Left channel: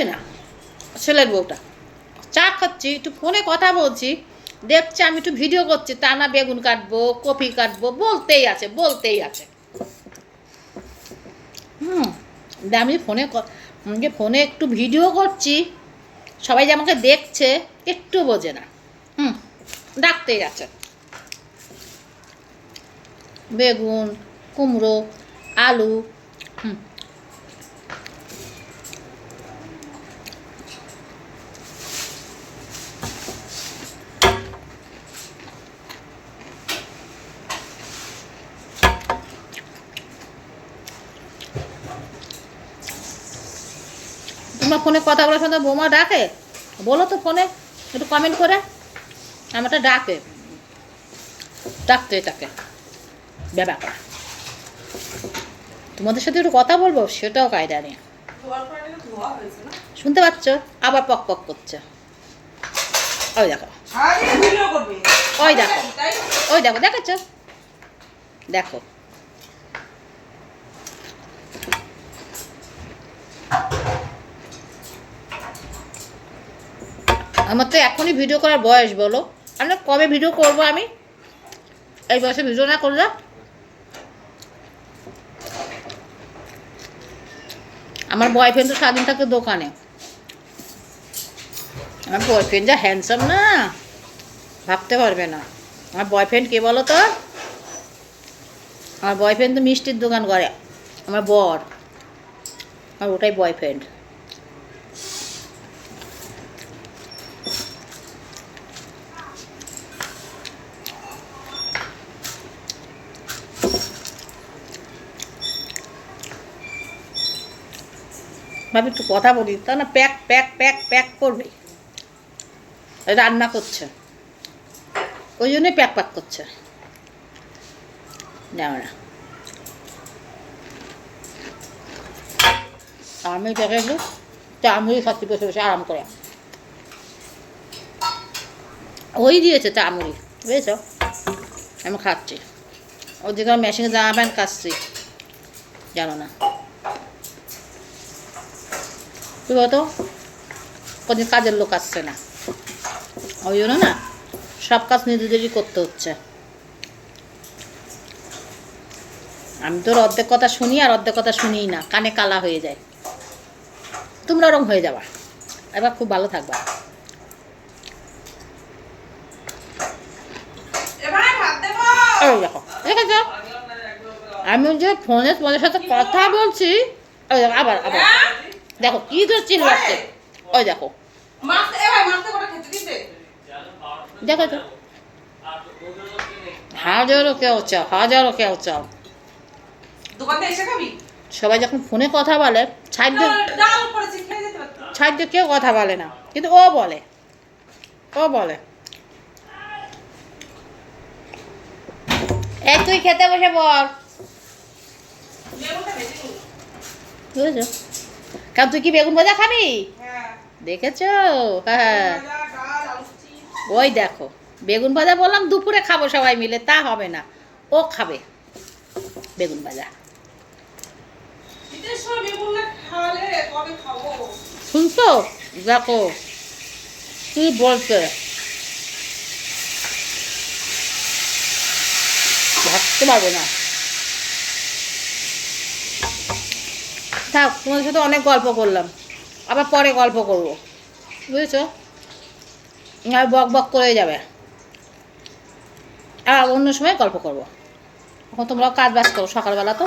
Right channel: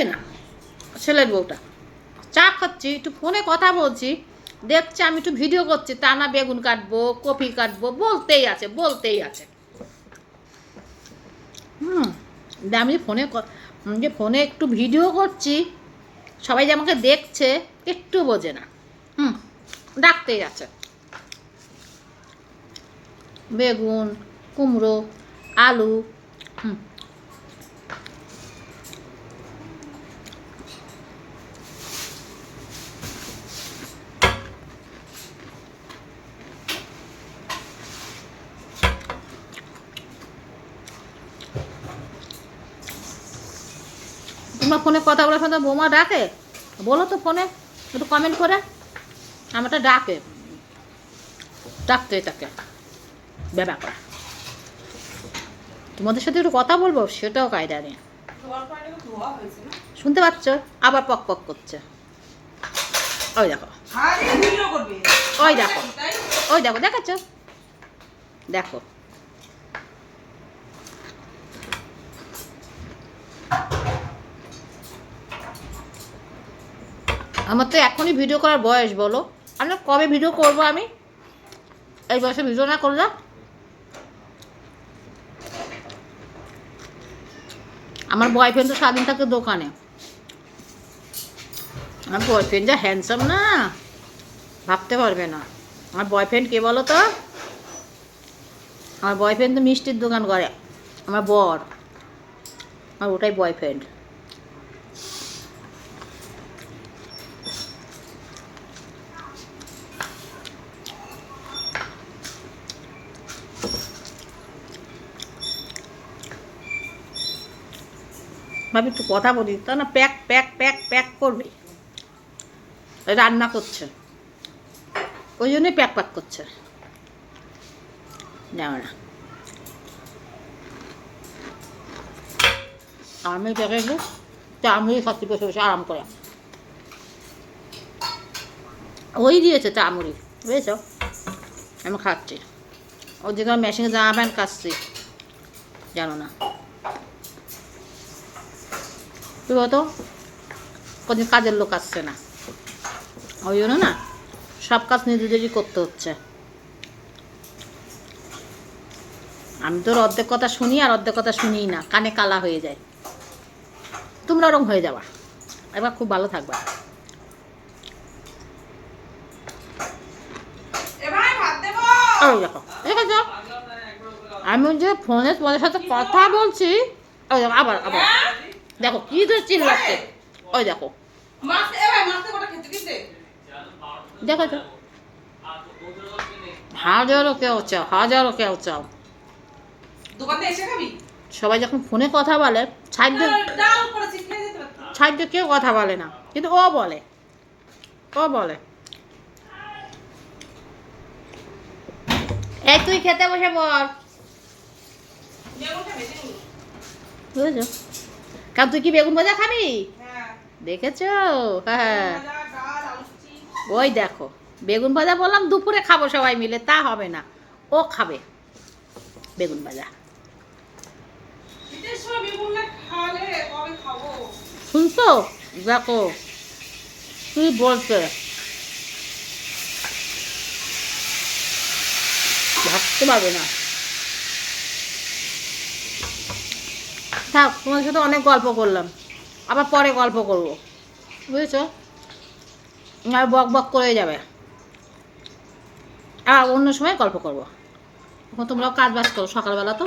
বোঝে না ছেলের বউটা। চা খাচ্ছি, একটু ফোনে কথা বলছি, দেখছি আমি একটু ভিডিও করছি, তা না বেগুন কাটবো, কপি কাটবো, বলতেই আছে বলতেই আছে। আমি ফোনে একটু ভিডিও করছি, সবাই যে আমাকে দেখছে একটু বোঝে না। ডাকতেই আছে। বেগুন, কুমড়ো, আলু। তোমার ফোনে কথা বলার সাথে বৌমা ডাকে? বলো তো ফোনে একটু কমেন্ট করে। আমারটা ডাকে, ডাকতে থাকে ব্যাপার। তোমাদের সাথে একটু কথা বলবো, সেটাও কায়দা নেই। শুনতে পাচ্ছ? আবার পক পক করছে। ওই দেখো, ওই দেখো, ওই দেখো, দেখাচ্ছ? দেখো, আমার তো এখনই ভিডিও করার বয়স, বলো আমরা কবে ভিডিও করবো? আমি এই বয়সে ভিডিও না করলে? আমার বয়ফ্রেন্ড তো সারাদিন থাকে দোকানে। আমার বয়ফ্রেন্ড যা হ্যান্ডসাম না, ভাবতে পারবে না। আমার বয়ফ্রেন্ড কে বলো তো? আমার বয়ফ্রেন্ড তো মিষ্টির দোকান করে, আমার বর, আর ওটাই বয়ফ্রেন্ড। ভাবি একটু কথা বলি, তা না প্যাক প্যাক প্যাক প্যাক করবে। রান্না করছে, ওই জন্যই প্যাক প্যাক করছে। না আমি দেখে একটু চামড়ি খাচ্ছি বসে বসে আরাম করে। ওই দিয়েছে চামড়ি, বুঝেছ? আমি খাচ্ছি। ওদিকে মেশিনে জামা প্যান্ট কাচ্ছি, জানো না? কি বলতো, কোনদিন কাজের লোক আসছে না, ওই জন্য না সব কাজ নিজেদেরই করতে হচ্ছে। আমি তোর অর্ধেক কথা শুনি আর অর্ধেক কথা শুনিই না, কানে কালা হয়ে যায়। তোমরা ওরকম হয়ে যাবা, এবার খুব ভালো থাকবা। ওই দেখো, ঠিক আছে, আমি যে ফোনে তোমাদের সাথে কথা বলছি, ওই দেখো আবার আবার দেখো কি ধরে চিল্লাচ্ছে। ওই দেখো, দেখো তো, হাজারো কেউ চাও, হাজারো কেউ চাও। সবাই যখন ফোনে কথা বলে, ছাইড দিয়ে কেউ কথা বলে না, কিন্তু ও বলে, ও বলে এই তুই খেতে বসে বল, বুঝেছো? কারণ তুই কি বেগুন ভাজা খাবি? দেখেছো? হ্যাঁ, ওই দেখো, বেগুন ভাজা বললাম দুপুরে খাবো সবাই মিলে, তা হবে না, ও খাবে বেগুন ভাজা। শুনছো? দেখো কি বলছে, ভাবতে পারবে না। থাক, তোমাদের সাথে অনেক গল্প করলাম, আবার পরে গল্প করবো, বুঝেছো? আর বক বক করে যাবে, আর অন্য সময় গল্প করবো। এখন তোমরাও কাজ বাজ করো, সকালবেলা তো।